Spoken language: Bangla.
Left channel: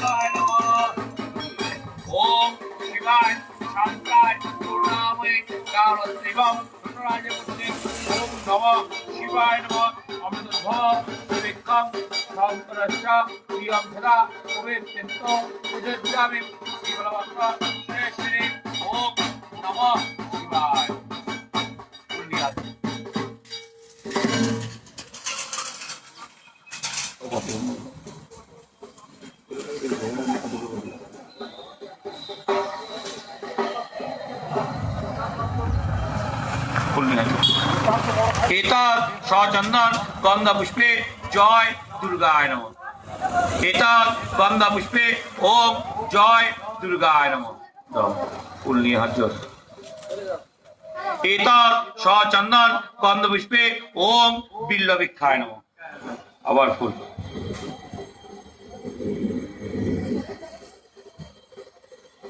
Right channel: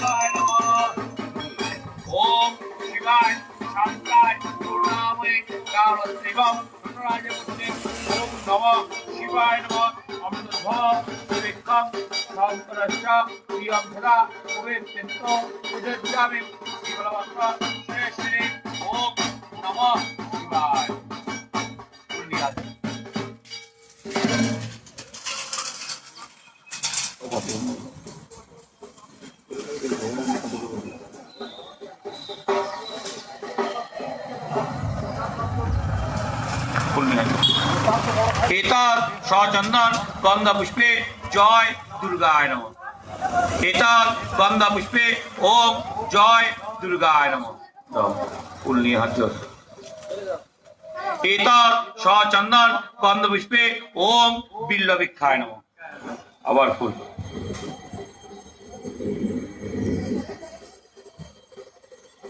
শিবায় নমঃ। ওম শিবায় শান্তায় করুণাময়ে কারণদেবম নটরাজমূর্তে ওম নমঃ শিবায় নমঃ। অমৃতধর বিক্রম সন্তরস্য প্রিয়ম সদা ভবেত্যন্ত উদজ্জামি শিবলবত্র শ্রেষ্ঠে। ওম নমঃ শিবায়। एतत् सचंदन गंध पुष्पे जय दुर्गाय नमः। एतत् गंध पुष्पे ओम जय दुर्गाय नमः। एतत् सचंदन गंध पुष्पे ओम बिल्लभिक्षाय नमः। आबार फुल।